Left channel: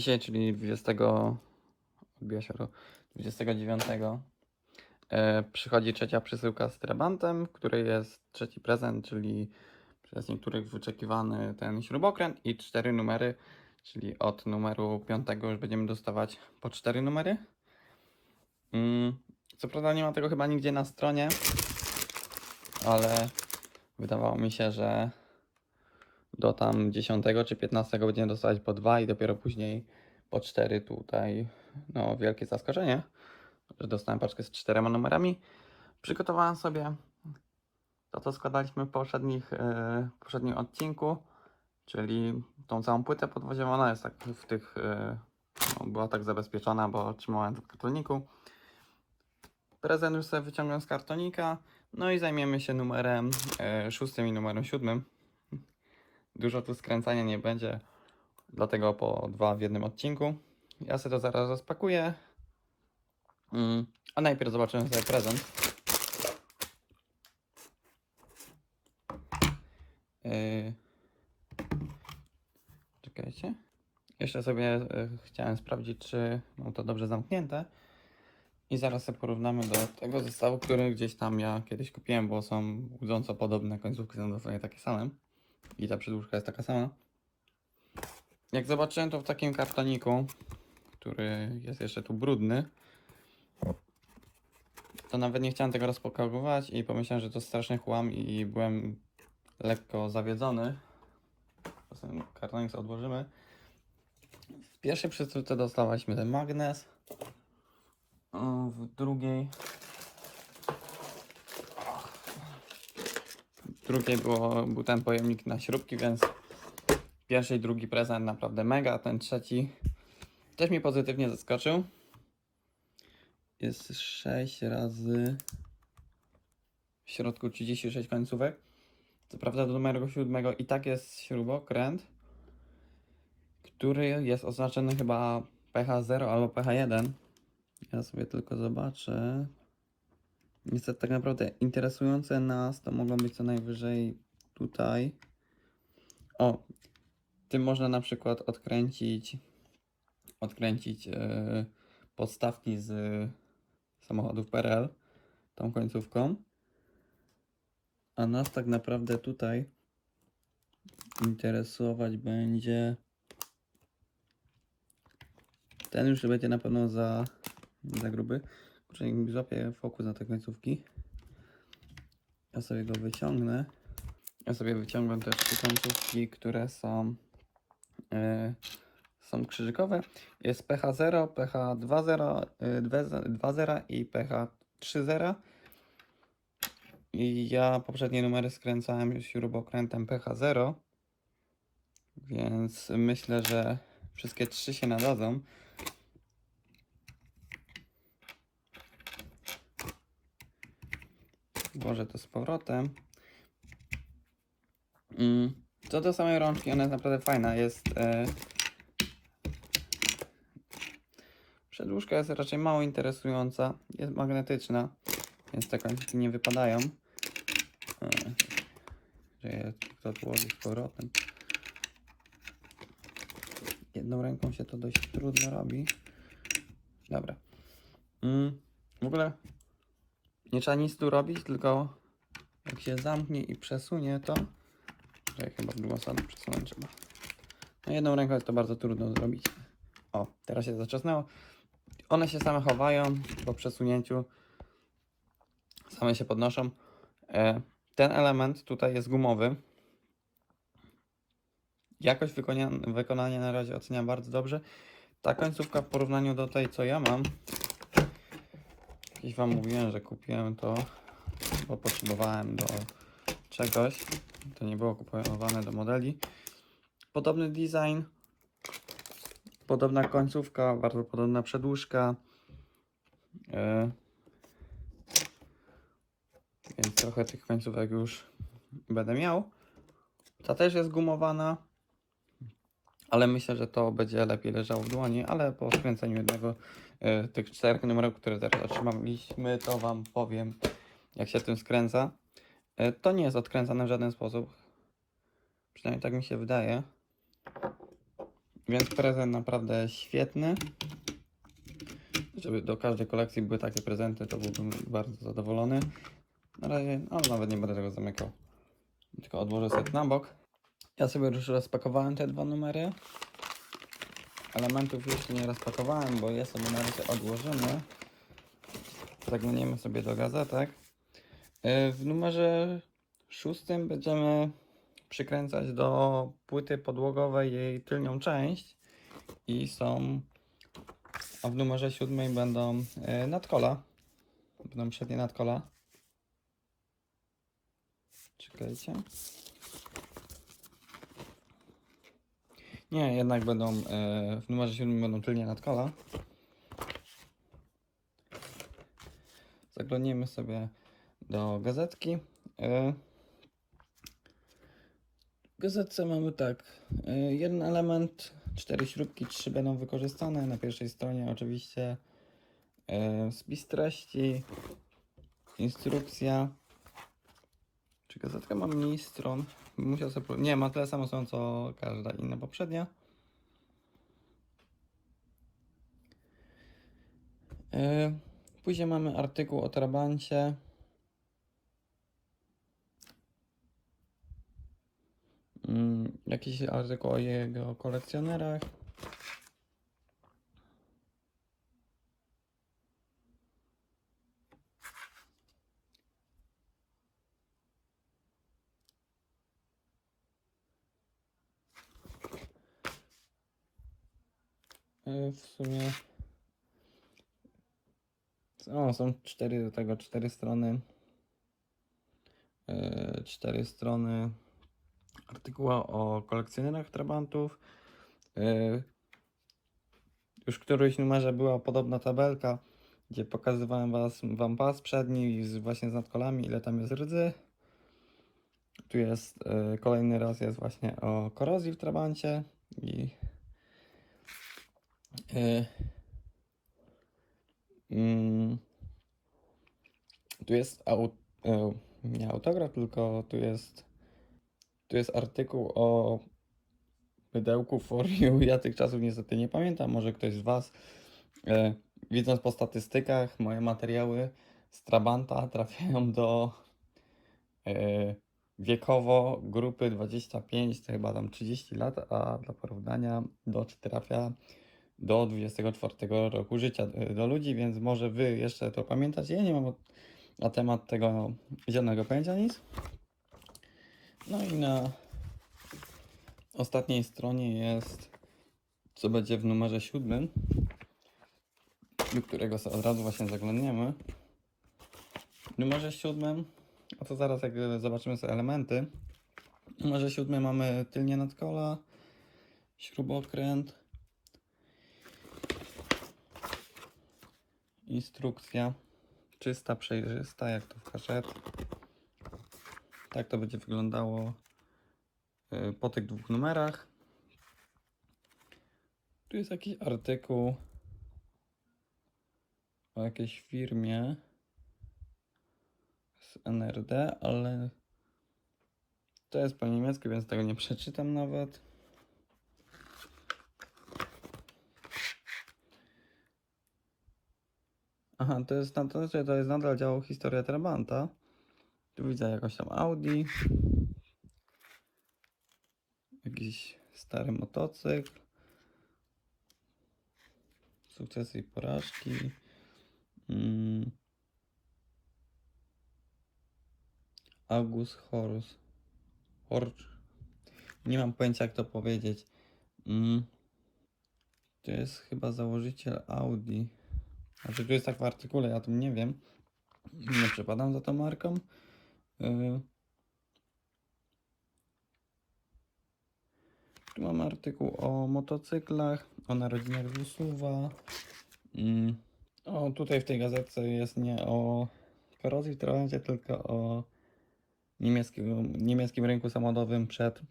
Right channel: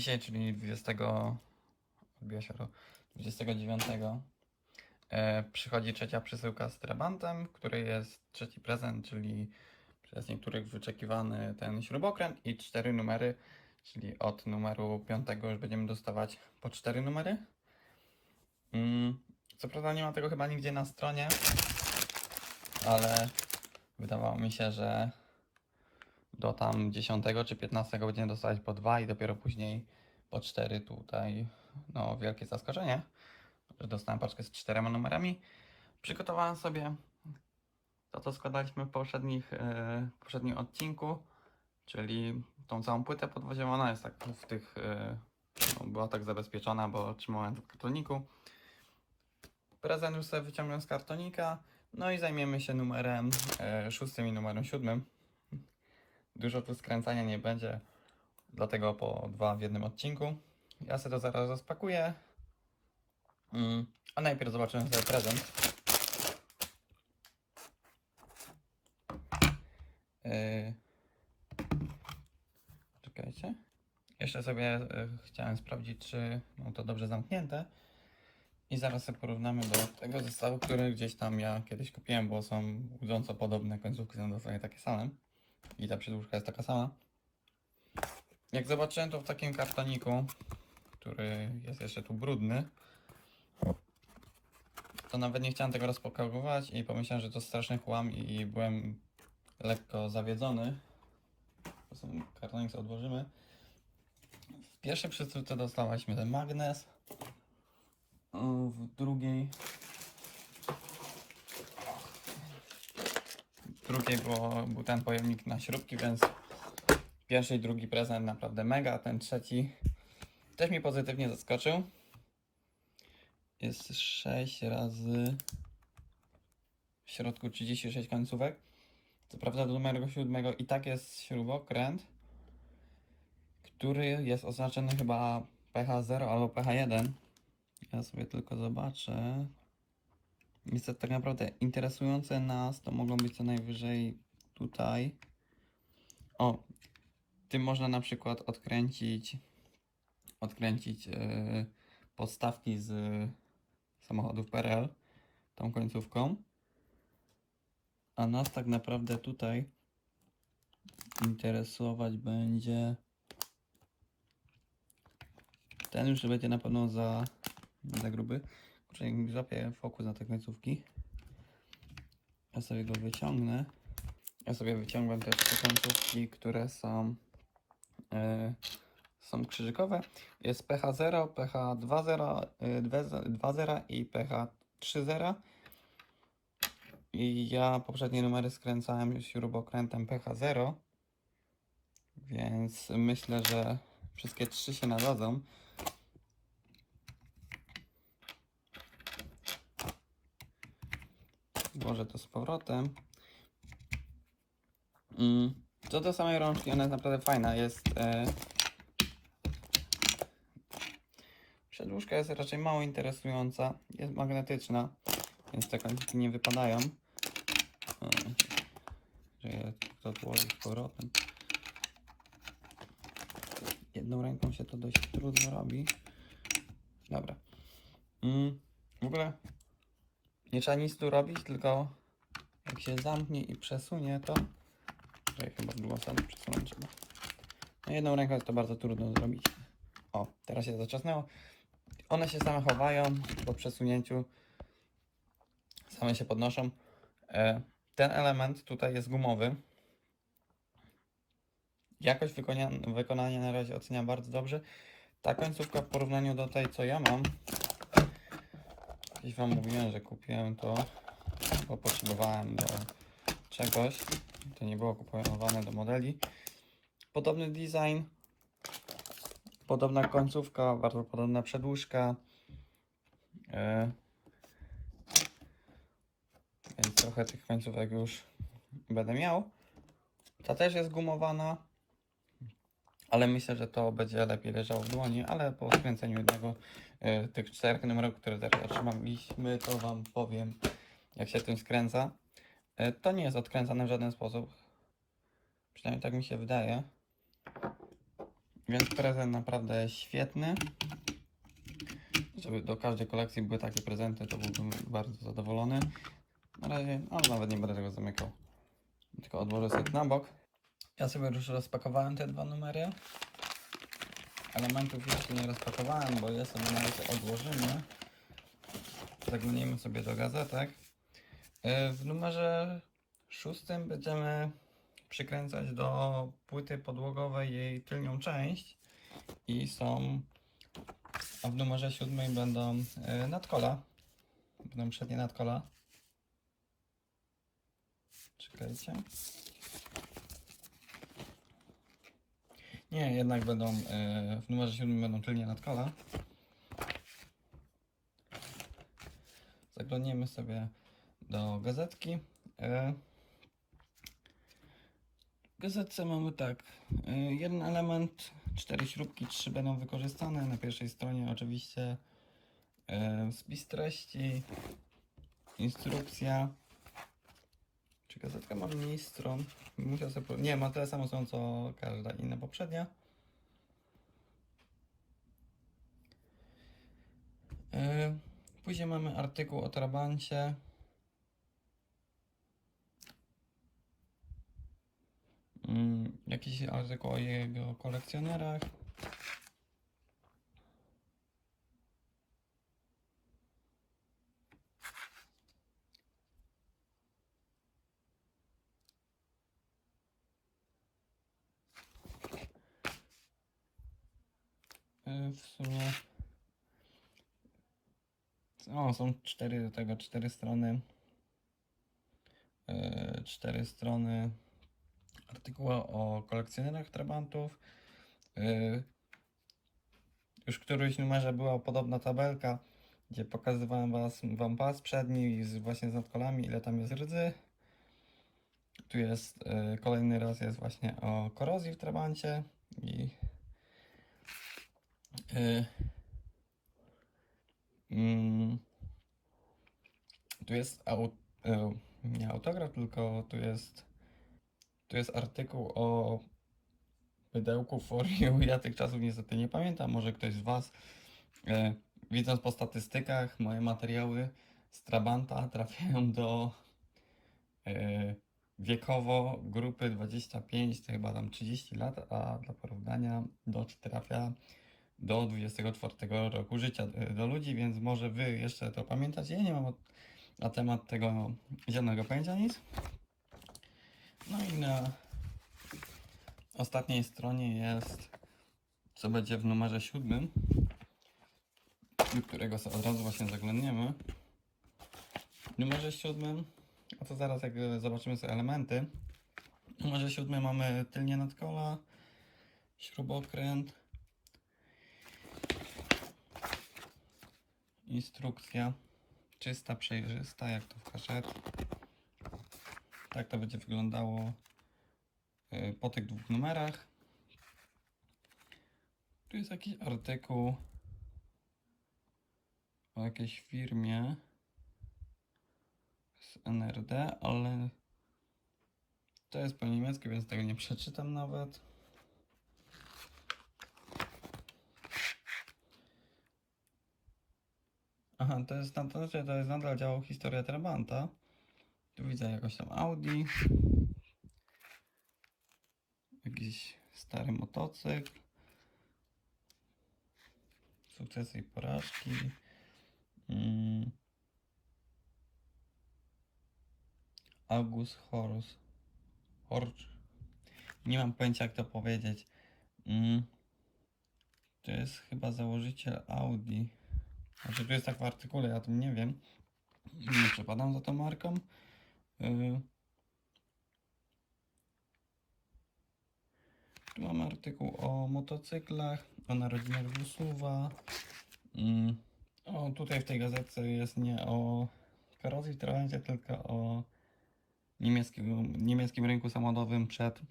dzisiaj, czyli 20. odbiła się ro- 29. E, przychodzi trzecia przesyłka z Trabantem, w której jest trzeci prezent, czyli przez niektórych wyczekiwany ten śrubokręt i cztery numery, czyli od numeru 5 już będziemy dostawać po cztery numery. Mm, co prawda nie ma tego chyba nigdzie na stronie, ale wydawało mi się, że do tam 10 czy 15 będziemy dostawać po dwa i dopiero później po cztery tutaj. No, wielkie zaskoczenie, że dostałem paczkę z czterema numerami. Przygotowałem sobie to, co składaliśmy w poprzednich, e, poprzednim odcinku, czyli tą całą płytę podwoziową. Ona jest tak w tych, e, no, była tak zabezpieczona, bo trzymałem w kartoniku. Prezent już sobie wyciągnąłem z kartonika. No i zajmiemy się numerem e, szóstym i numerem siódmym. Dużo tu skręcania nie będzie, dlatego po dwa w jednym odcinku. Ja sobie to zaraz rozpakuję. Mm, a najpierw zobaczymy sobie prezent. Yy... Czekajcie. Jeszcze sobie y, chciałem sprawdzić, czy mam to dobrze zamknięte. I zaraz sobie porównamy do tego zestawu, który gdzieś tam ja kiedyś kupiłem, bo są budząco podobne, końcówki są dosłownie takie same. I ta przedłużka jest taka sama. Jak zobaczyłem to w takim kartoniku, który jest jeszcze tu brudny, to nawet nie chciałem tego rozpakowywać i pomyślałem, że to straszny chłam i byłem lekko zawiedzony. Sobie kartonik odłożymy. W pierwszej przesyłce dostaliśmy ten magnes. W drugiej w drugiej było, był ten pojemnik na śrubki, więc pierwszy i drugi prezent naprawdę mega. Ten trzeci też mnie pozytywnie zaskoczył. Jest 6 razy w środku 36 końcówek. Co prawda do numeru 7 i tak jest śrubokręt, który jest oznaczony chyba PH0 albo PH1. Ja sobie tylko zobaczę. Niestety tak naprawdę interesujące nas to mogą być co najwyżej tutaj. O, tym można na przykład odkręcić odkręcić yy, podstawki z samochodów PRL tą końcówką. A nas tak naprawdę tutaj interesować będzie ten już będzie na pewno za, za gruby. Kurczę, mi fokus na te końcówki. Ja sobie go wyciągnę. Ja sobie wyciągam też te końcówki, które są e, są krzyżykowe. Jest PH0, PH20, y, 2.0 i PH3.0. I ja poprzednie numery skręcałem już śrubokrętem PH0. Więc myślę, że wszystkie trzy się nadadzą. Włożę to z powrotem. Mm, Co do samej rączki, ona jest naprawdę fajna. Jest. E, Przedłużka jest raczej mało interesująca. Jest magnetyczna, więc te końcówki nie wypadają. O, Że je to odłożę z powrotem. Jedną ręką się to dość trudno robi. Dobra. Mm, w ogóle nie trzeba nic tu robić, tylko jak się zamknie i przesunie to, jak chyba było sobie przesunąć. No jedną ręką jest to bardzo trudno zrobić. O, teraz się zaczesnęło. One się same chowają po przesunięciu. Same się podnoszą. E, Ten element tutaj jest gumowy. Jakość wykonania, wykonania na razie oceniam bardzo dobrze. Ta końcówka w porównaniu do tej, co ja mam. Gdzieś Wam mówiłem, że kupiłem to, bo potrzebowałem do czegoś. To nie było kupowane do modeli. Podobny design. Podobna końcówka, bardzo podobna przedłużka. Yy. Więc trochę tych końcówek już będę miał. Ta też jest gumowana. Ale myślę, że to będzie lepiej leżało w dłoni, ale po skręceniu jednego tych czterech numerów, które teraz otrzymaliśmy, to Wam powiem, jak się tym skręca. Yy, to nie jest odkręcane w żaden sposób. Przynajmniej tak mi się wydaje. Więc prezent naprawdę świetny. Żeby do każdej kolekcji były takie prezenty, to byłbym bardzo zadowolony. Na razie, no nawet nie będę tego zamykał. Tylko odłożę sobie na bok. Ja sobie już rozpakowałem te dwa numery. Elementów jeszcze nie rozpakowałem, bo numery sobie odłożymy. Zaglądniemy sobie do gazetek. Yy, W numerze szóstym będziemy przykręcać do płyty podłogowej jej tylnią część i są a w numerze siódmym będą yy, nadkola będą przednie nadkola czekajcie nie, jednak będą yy, w numerze siódmym będą tylnie nadkola zaglądniemy sobie do gazetki yy, w gazetce mamy tak, y, jeden element, cztery śrubki, trzy będą wykorzystane. Na pierwszej stronie oczywiście y, spis treści, instrukcja. Czy gazetka ma mniej stron? Musiał sobie... Nie, ma tyle samo stron co każda inna poprzednia. Y, Później mamy artykuł o trabancie. Mm, jakiś artykuł o jego kolekcjonerach. W sumie. O, są cztery do tego, cztery strony. Y, Cztery strony artykuła o kolekcjonerach trabantów. Yy, Już w którymś numerze była podobna tabelka, gdzie pokazywałem was, wam pas przedni z, właśnie z nadkolami, ile tam jest rdzy. Tu jest yy, kolejny raz jest właśnie o korozji w trabancie i yy, mm, tu jest au, yy, nie autograf, tylko tu jest tu jest artykuł o mydełku for you. Ja tych czasów niestety nie pamiętam. Może ktoś z Was, e, widząc po statystykach, moje materiały z Trabanta trafiają do e, wiekowo grupy 25, to chyba tam 30 lat, a dla porównania Dodge trafia do 24 roku życia e, do ludzi, więc może Wy jeszcze to pamiętacie. Ja nie mam na temat tego żadnego pojęcia nic. No i na ostatniej stronie jest, co będzie w numerze siódmym, do którego sobie od razu właśnie zaglądniemy. W numerze siódmym, a to zaraz jak zobaczymy sobie elementy. W numerze siódmym mamy tylnie nadkola, śrubokręt, instrukcja, czysta, przejrzysta, jak to w kaszetce. Tak to będzie wyglądało y, po tych dwóch numerach. Tu jest jakiś artykuł o jakiejś firmie z NRD, ale to jest po niemiecku, więc tego nie przeczytam nawet. Aha, to jest, to, to jest nadal dział Historia Trabanta. Tu widzę jakoś tam Audi. Jakiś stary motocykl. Sukcesy i porażki. Mm. Horus. Horch. Nie mam pojęcia jak to powiedzieć. Mm. To jest chyba założyciel Audi. A to tu jest tak w artykule, ja tym nie wiem. Nie przepadam za tą marką. Yy. Tu mamy artykuł o motocyklach, o narodzinach z Usuwa. Mm. O, tutaj w tej gazetce jest nie o korozji w trawancie, tylko o niemieckim, niemieckim rynku samochodowym przed,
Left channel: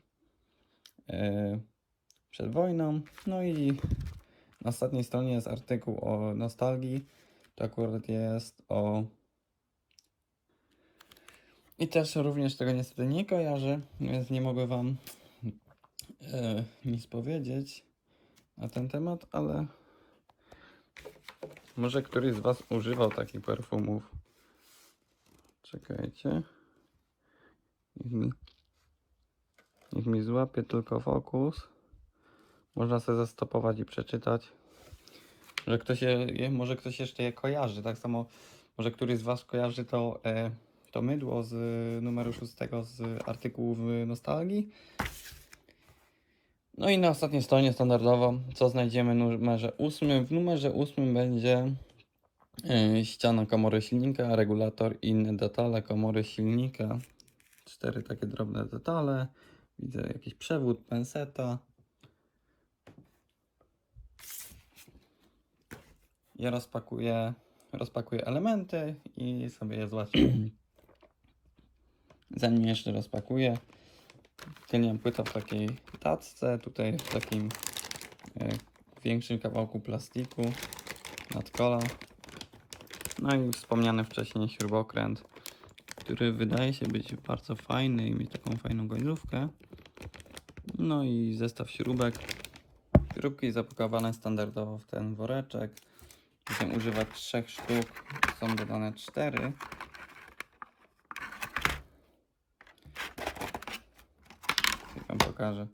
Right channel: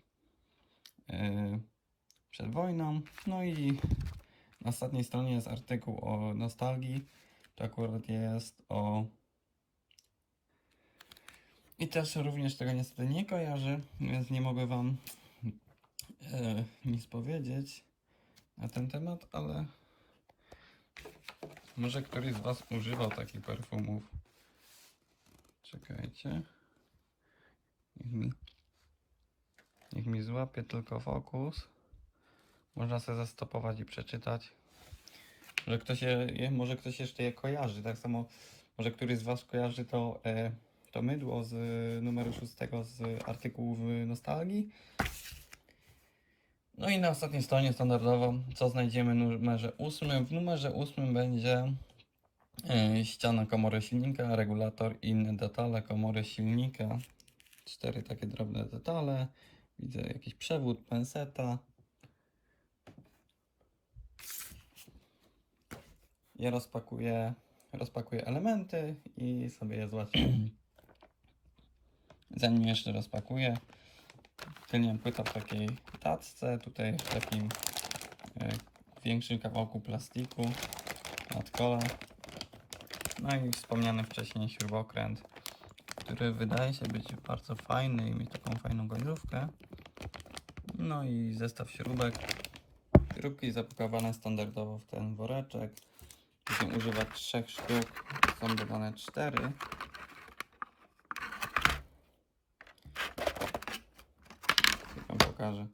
yy, przed wojną. No i na ostatniej stronie jest artykuł o nostalgii. To akurat jest o i też również tego niestety nie kojarzę, więc nie mogę Wam e, nic powiedzieć. na ten temat, ale może któryś z Was używał takich perfumów. Czekajcie. Niech mi, niech mi złapie tylko fokus. Można sobie zastopować i przeczytać. Że ktoś je, może ktoś jeszcze je kojarzy. Tak samo może któryś z Was kojarzy to, e, to mydło z e, numeru 6 z artykułów e, Nostalgii. No i na ostatniej stronie standardowo, co znajdziemy w numerze 8. W numerze 8 będzie e, ściana komory silnika, regulator i inne detale komory silnika. Cztery takie drobne detale. Widzę jakiś przewód, penseta. Ja rozpakuję, rozpakuję elementy i sobie je złapię. Zanim jeszcze rozpakuję, Kleniam płytę w takiej tacce, tutaj w takim e, większym kawałku plastiku nad kolą. No i wspomniany wcześniej śrubokręt, który wydaje się być bardzo fajny i mieć taką fajną goniówkę. No i zestaw śrubek. Śrubki zapakowane standardowo w ten woreczek. Będę używać trzech sztuk, są dodane cztery. Wam pokażę.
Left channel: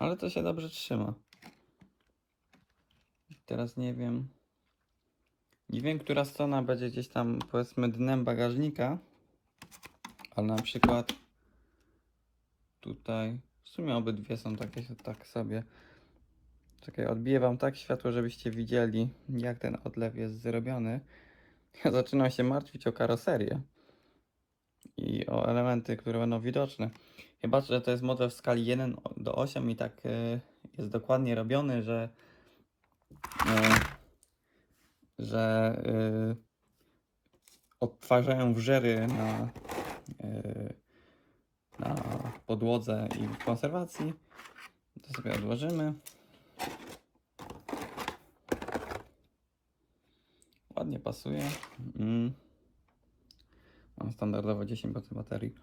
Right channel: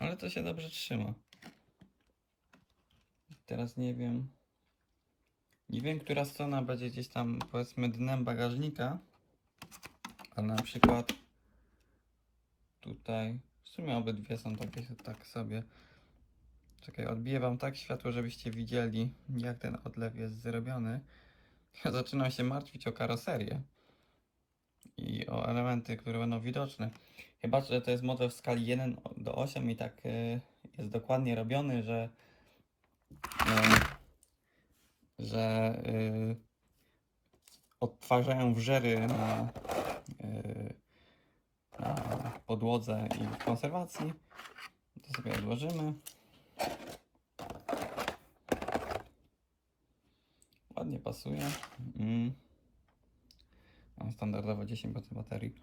Ale to się dobrze trzyma. Teraz nie wiem. Nie wiem, która strona będzie gdzieś tam, powiedzmy, dnem bagażnika. Ale na przykład tutaj. W sumie obydwie są takie tak sobie. Czekaj, odbiję wam tak światło, żebyście widzieli, jak ten odlew jest zrobiony. Ja zaczynam się martwić o karoserię i o elementy, które będą widoczne. Chyba, że to jest model w skali 1 do 8 i tak y, jest dokładnie robiony, że y, że y, odtwarzają wrzery na, na podłodze i konserwacji. To sobie odłożymy. Ładnie pasuje. Mm. Mam standardowo 10% baterii.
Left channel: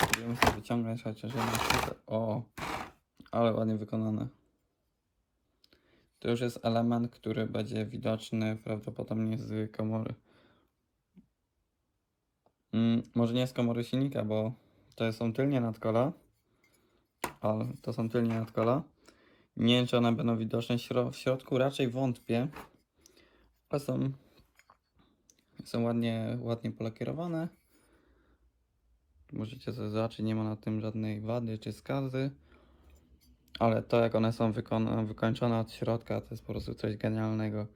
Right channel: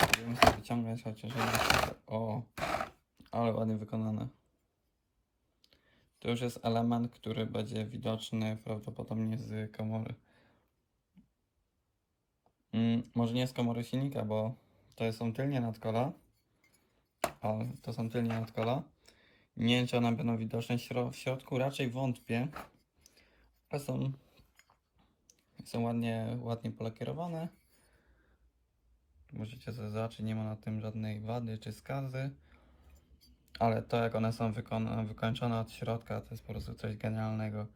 Będziemy sobie wyciągać chociaż. O, ale ładnie wykonane. To już jest element, który będzie widoczny prawdopodobnie z komory. Mm, może nie z komory silnika, bo to są tylnie nadkola. Ale to są tylnie nadkola. Nie wiem, czy one będą widoczne w środku, raczej wątpię. Ale są są ładnie, ładnie polakierowane. Możecie sobie zobaczyć, nie ma na tym żadnej wady czy skazy. Ale to jak one są wykończone od środka to jest po prostu coś genialnego.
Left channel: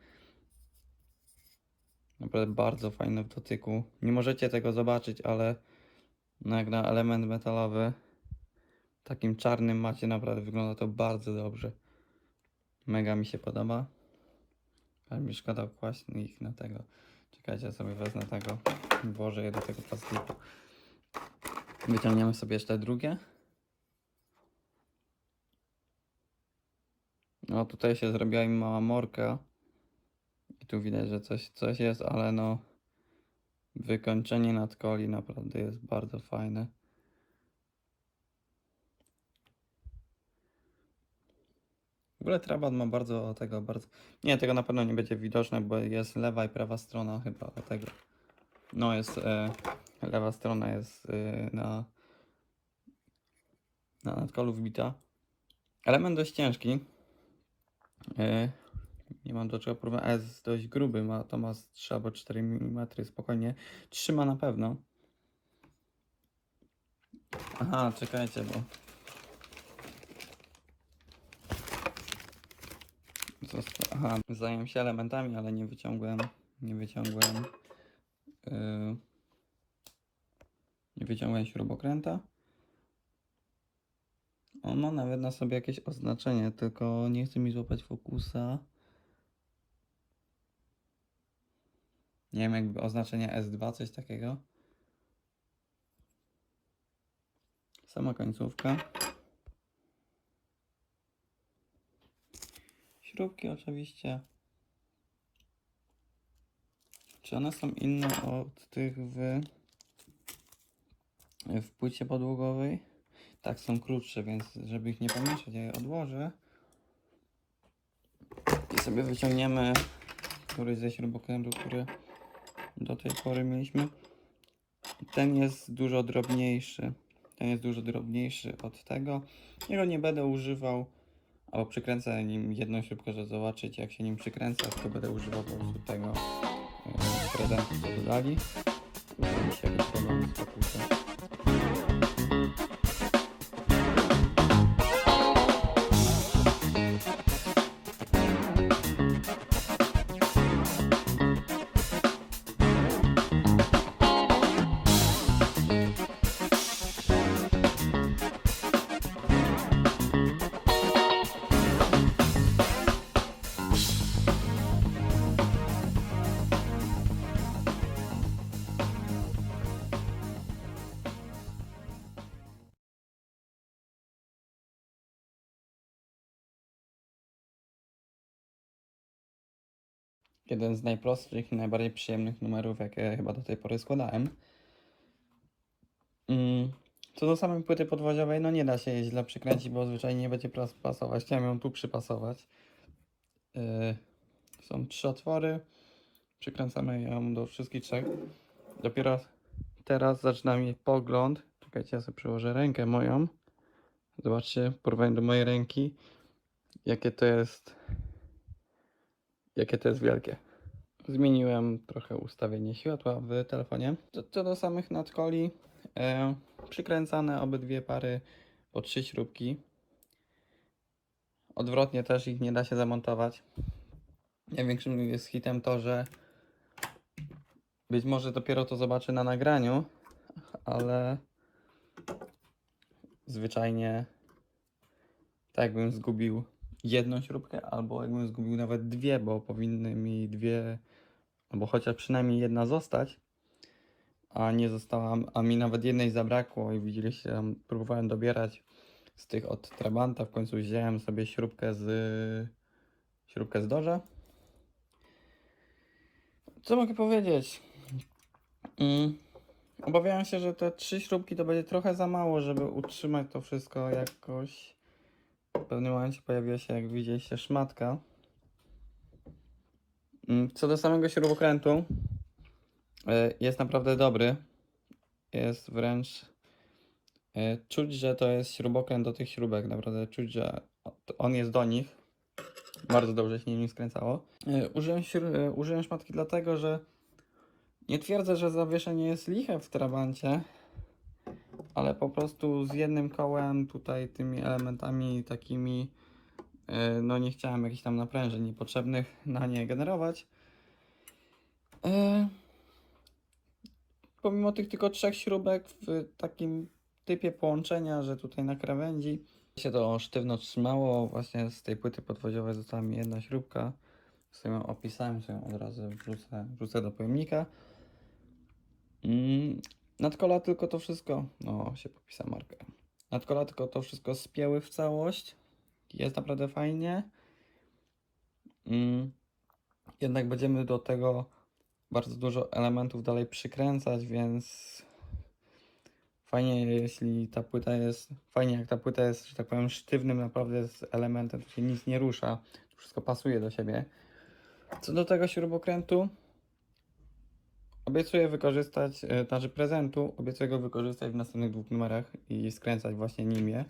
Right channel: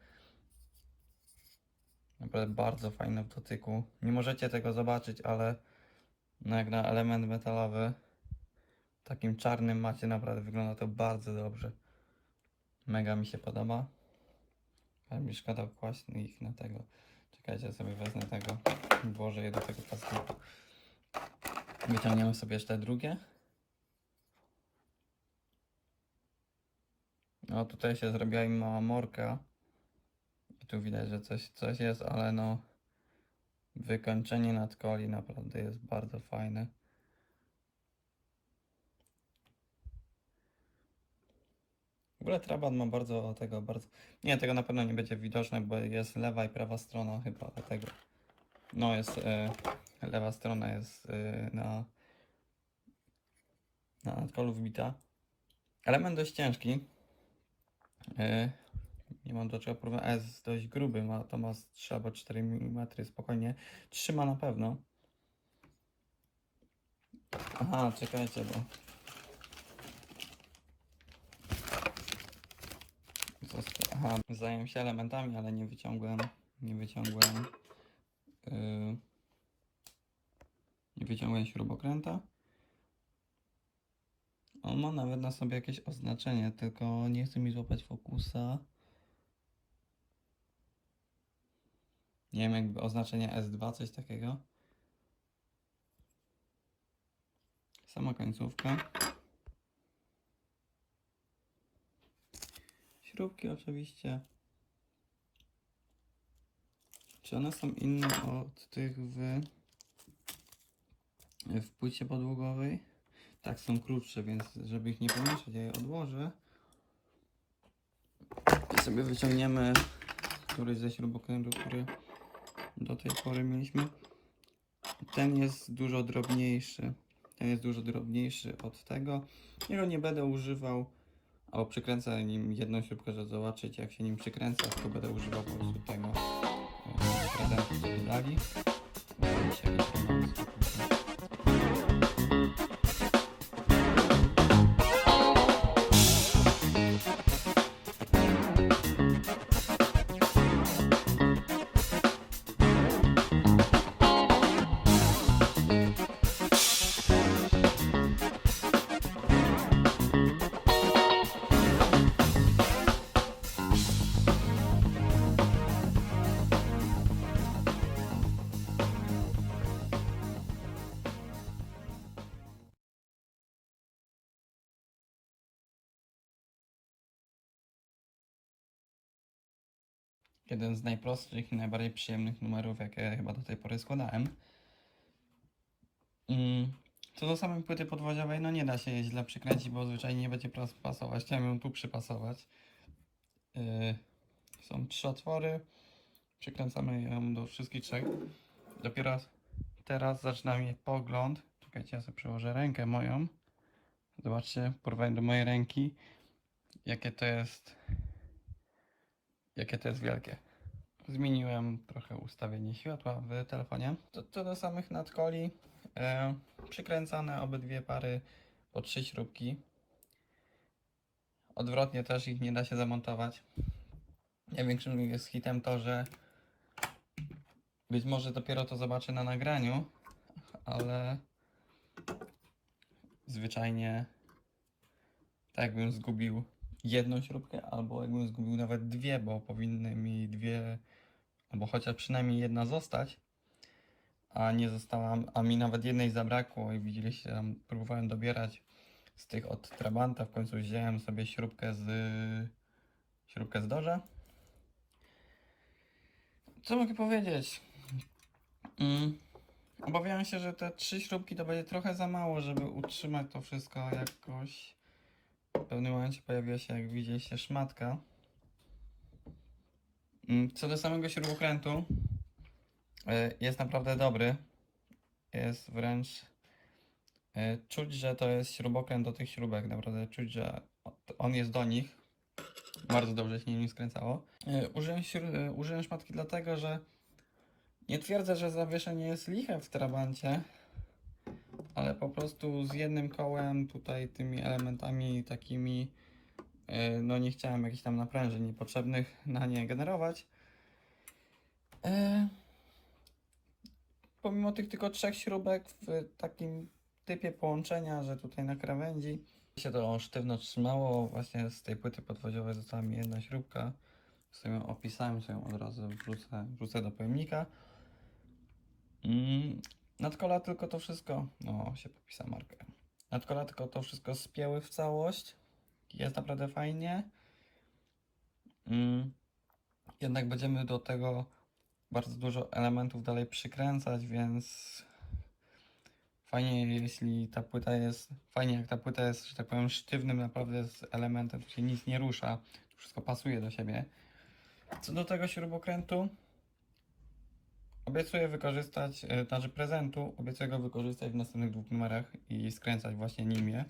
Naprawdę bardzo fajne w dotyku. Nie możecie tego zobaczyć, ale no jak na element metalowy takim czarnym macie naprawdę wygląda to bardzo dobrze. Mega mi się podoba. Ale mi szkoda kłaść ich na tego. Czekajcie, ja sobie wezmę tego, włożę je do tego plastiku. Wyciągniemy sobie jeszcze drugie. No tutaj się zrobiła im mała morka. I tu widać, że coś, coś jest, ale no wykończenie nadkoli naprawdę jest bardzo fajne. W ogóle Trabant ma bardzo tego, bardzo... Nie, tego na pewno nie będzie widoczne, bo jest lewa i prawa strona chyba tego. No jest, e, lewa strona jest e, na, na nadkolu wbita. Element dość ciężki. E, nie mam do czego porównywać, a jest dość gruby, ma, to ma z 3 albo 4 mm, spokojnie. Trzyma na pewno. Aha, czekajcie, bo Zająłem się elementami, ale nie wyciągłem, nie wyciągłem, yy, nie wyciągłem śrubokręta. On ma nawet na sobie jakieś oznaczenie, tylko nie chce mi złapać fokusa. Nie wiem, jakby oznaczenie S2, coś takiego. Sama końcówka. Śrubki oczywiście. Czy one są inne od tych w w płycie podłogowej. Tak, są krótsze, więc żeby ich nie pomieszać, ja je odłożę. I sobie wyciągniemy któryś ze śrubokrętów, które do tej pory mieliśmy. Ten jest dużo drobniejszy. Ten jest dużo drobniejszy od tego. Jego nie będę używał, albo przykręcę nim jedną śrubkę, żeby zobaczyć jak się nim przykręca, tylko będę używał po prostu tego z lali. Jeden z najprostszych i najbardziej przyjemnych numerów, jakie chyba do tej pory składałem. Mm, Co do samej płyty podwoziowej, no nie da się jej źle przykręcić, bo zwyczajnie nie będzie pas- pasować. Chciałem ją tu przypasować. Yy, są trzy otwory. Przykręcamy ją do wszystkich trzech. Dopiero teraz zaczyna mi pogląd. Czekajcie, ja sobie przyłożę rękę moją. Zobaczcie w porównaniu do mojej ręki, jakie to jest jakie to jest wielkie. Zmieniłem trochę ustawienie światła w telefonie. Co, do samych nadkoli, e, przykręcane obydwie pary po trzy śrubki. Odwrotnie też ich nie da się zamontować. Największym jest hitem to, że być może dopiero to zobaczę na nagraniu, ale zwyczajnie tak jakbym zgubił jedną śrubkę, albo jakbym zgubił nawet dwie, bo powinny mi dwie, albo chociaż przynajmniej jedna zostać, a nie została, a mi nawet jednej zabrakło i widzieliście, próbowałem dobierać z tych od Trabanta, w końcu wziąłem sobie śrubkę z śrubkę z Dorze. Co mogę powiedzieć? Mm, obawiałem się, że te trzy śrubki to będzie trochę za mało, żeby utrzymać to wszystko jakoś w pewnym momencie pojawiła się, jak widzieliście, szmatka. Mm, Co do samego śrubokrętu, y, jest naprawdę dobry. Jest wręcz y, czuć, że to jest śrubokręt do tych śrubek. Naprawdę czuć, że on jest do nich. Bardzo dobrze się nim skręcało. Y, Użyłem, użyłem szmatki dlatego, że nie twierdzę, że zawieszenie jest liche w trabancie, ale po prostu z jednym kołem tutaj tymi elementami takimi e, no nie chciałem jakichś tam naprężeń niepotrzebnych na nie generować. E, Pomimo tych tylko trzech śrubek w takim typie połączenia, że tutaj na krawędzi się to sztywno trzymało, właśnie z tej płyty podwoziowej została mi jedna śrubka. Sobie ją opisałem, sobie ją od razu wrzucę, wrzucę do pojemnika. Nadkola tylko to wszystko, no się popisał markę. Nadkola tylko to wszystko spięły w całość. Jest naprawdę fajnie. Mm, Jednak będziemy do tego bardzo dużo elementów dalej przykręcać, więc fajnie jeśli ta płyta jest, fajnie jak ta płyta jest, że tak powiem, sztywnym naprawdę z elementem, się nic nie rusza, wszystko pasuje do siebie. Co do tego śrubokrętu, Obiecuję wykorzystać, e, znaczy prezentu, obiecuję go wykorzystać w następnych dwóch numerach i skręcać właśnie nim je.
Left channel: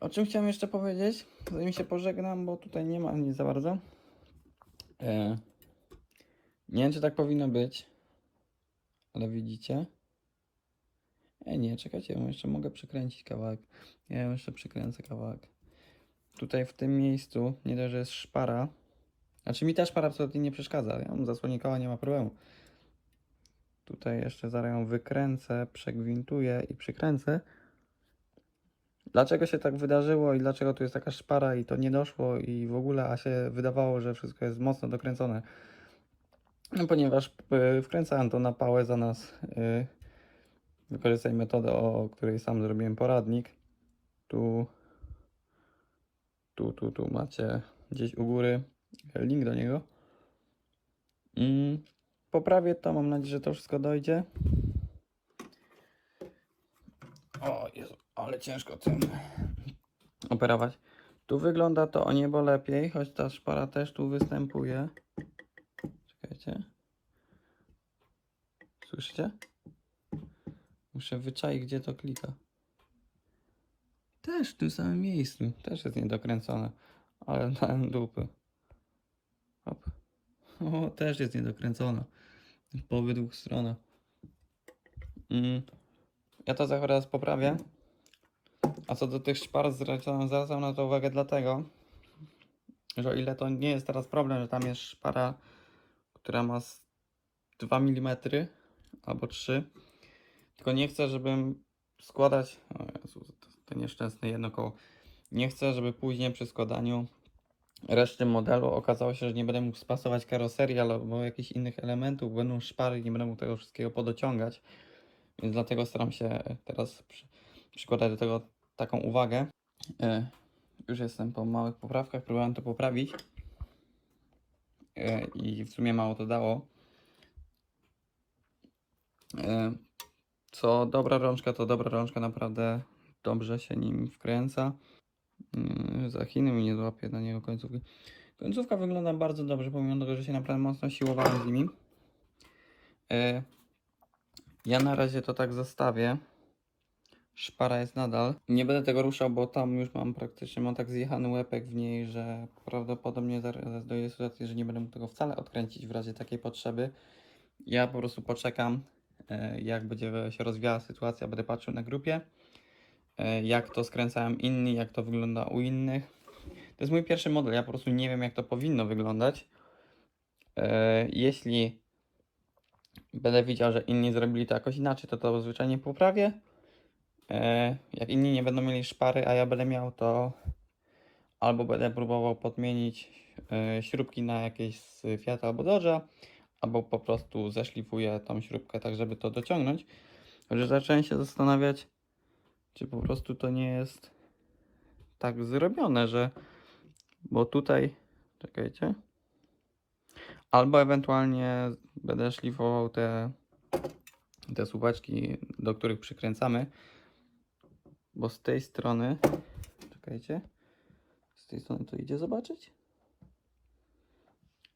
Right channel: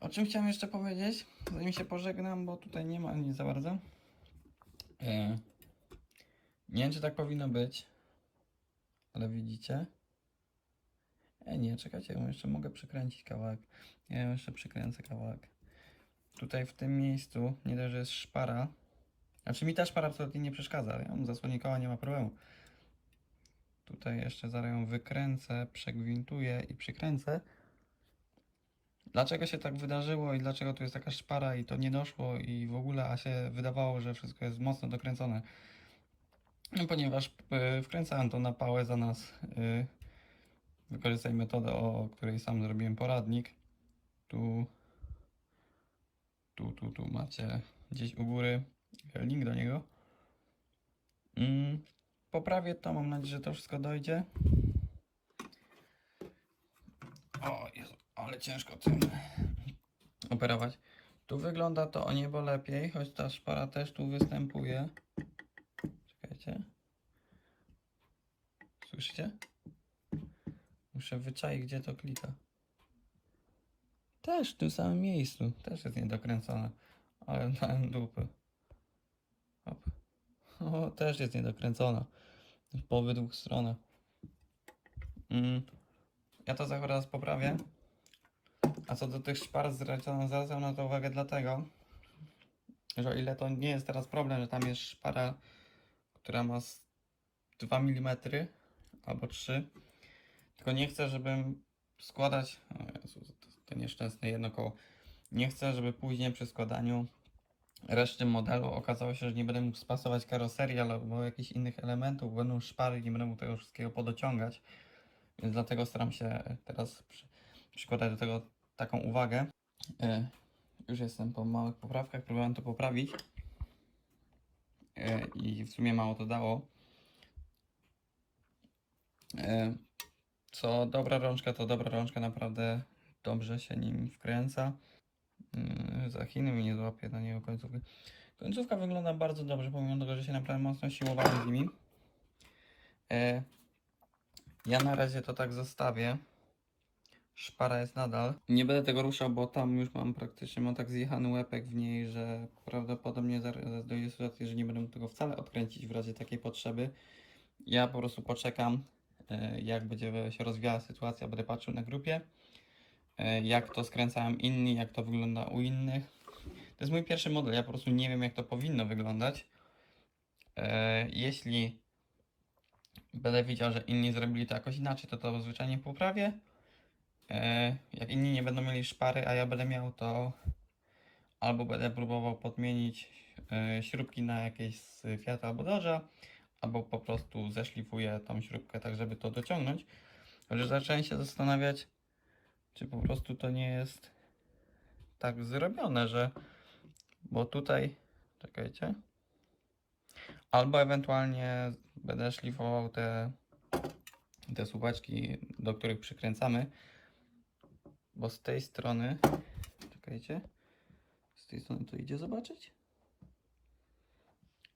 O czym chciałem jeszcze powiedzieć, zanim się pożegnam, bo tutaj nie ma nic za bardzo. E, nie wiem, czy tak powinno być, ale widzicie. E, nie, czekajcie, jeszcze mogę przykręcić kawałek. Ja jeszcze przykręcę kawałek. Tutaj w tym miejscu, nie dość, że jest szpara, znaczy mi też para absolutnie nie przeszkadza. Ja mam zasłonie koła, nie ma problemu. Tutaj jeszcze zaraz ją wykręcę, przegwintuję i przykręcę. Dlaczego się tak wydarzyło i dlaczego tu jest taka szpara i to nie doszło i w ogóle, a się wydawało, że wszystko jest mocno dokręcone. No, ponieważ y, wkręcałem to na pałę za nas. Y, wykorzystaj metodę, o której sam zrobiłem poradnik. Tu, tu, tu, tu macie gdzieś u góry link do niego. Mm. poprawię to, mam nadzieję, że to wszystko dojdzie. O Jezu, ale ciężko tym operować. Tu wygląda to o niebo lepiej, choć ta szpara też tu występuje. Czekajcie. Słyszycie? Muszę wyczaić, gdzie to klika. Też w tym samym miejscu. Też jest niedokręcone. Ale dałem dupy. Hop. O, też jest niedokręcona. Po obydwu stronach. Mm. Ja to zaraz poprawię. A co do tych szpar zwracam zwracam na to uwagę dlatego, że o ile to nie jest teraz problem, że tam jest szpara, która ma z 2 mm albo 3, tylko nie chcę, żebym składać. O Jezu, to, to nieszczęsne jedno koło. Nie chcę, żeby później przy składaniu reszty modelu okazało się, że nie będę mógł spasować karoserii albo jakichś innych elementów, będą szpary nie będę mógł tego wszystkiego podociągać. Więc dlatego staram się teraz przy, przykładać do tego taką uwagę. E, już jestem po małych poprawkach, próbowałem to poprawić. E, I w sumie mało to dało. E, co dobra rączka, to dobra rączka naprawdę dobrze się nim wkręca. Yy, za Chiny mi nie złapie na niego końcówki. Końcówka wygląda bardzo dobrze, pomimo tego, że się naprawdę mocno siłowało z nimi. Yy, Ja na razie to tak zostawię. Szpara jest nadal. Nie będę tego ruszał, bo tam już mam praktycznie, mam tak zjechany łepek w niej, że prawdopodobnie zaraz dojdzie sytuacji, że nie będę tego wcale odkręcić w razie takiej potrzeby. Ja po prostu poczekam, yy, jak będzie się rozwijała sytuacja, będę patrzył na grupie e, jak to skręcają inni, jak to wygląda u innych. To jest mój pierwszy model, ja po prostu nie wiem jak to powinno wyglądać. E, Jeśli będę widział, że inni zrobili to jakoś inaczej, to to zwyczajnie poprawię. E, Jak inni nie będą mieli szpary, a ja będę miał, to albo będę próbował podmienić e, śrubki na jakieś z Fiata albo Dodge'a, albo po prostu zeszlifuję tą śrubkę tak, żeby to dociągnąć. Że zacząłem się zastanawiać, czy po prostu to nie jest tak zrobione, że. Bo tutaj. Czekajcie. Albo ewentualnie będę szlifował te, te słupeczki, do których przykręcamy. Bo z tej strony. Czekajcie. Z tej strony to idzie zobaczyć.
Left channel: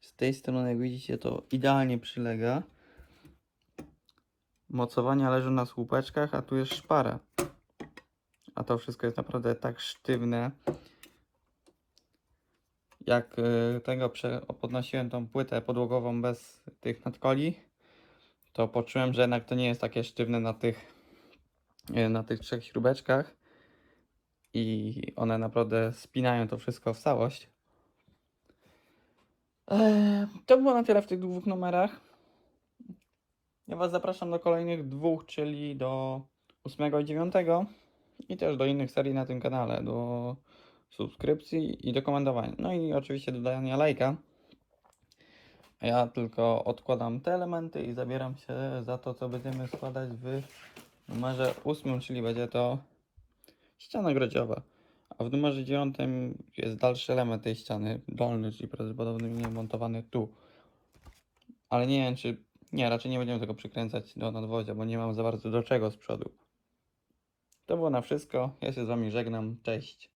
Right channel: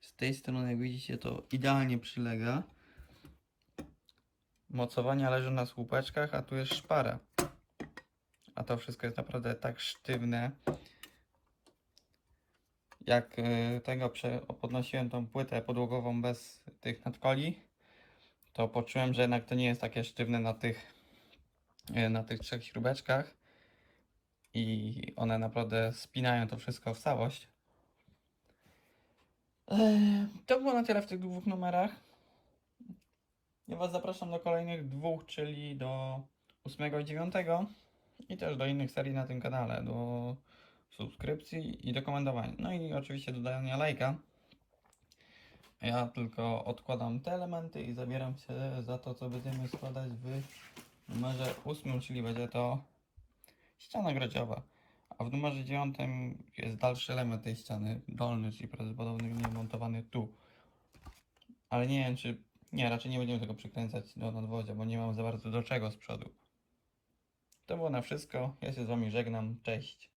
Z tej strony, jak widzicie, to idealnie przylega. Mocowania leżą na słupeczkach, a tu jest szpara. A to wszystko jest naprawdę tak sztywne. Jak y, tego podnosiłem tą płytę podłogową bez tych nadkoli, to poczułem, że jednak to nie jest takie sztywne na tych, y, na tych trzech śrubeczkach. I one naprawdę spinają to wszystko w całość. Eee, To było na tyle w tych dwóch numerach. Ja Was zapraszam do kolejnych dwóch, czyli do 8 i 9 i też do innych serii na tym kanale, do subskrypcji i do komentowania. No i oczywiście do dania lajka. Ja tylko odkładam te elementy i zabieram się za to, co będziemy składać w numerze 8, czyli będzie to ściana grodziowa. A w numerze 9 jest dalszy element tej ściany, dolny, czyli prawdopodobnie montowany tu. Ale nie wiem, czy. Nie, raczej nie będziemy tego przykręcać do nadwozia, bo nie mam za bardzo do czego z przodu. To było na wszystko. Ja się z Wami żegnam. Cześć.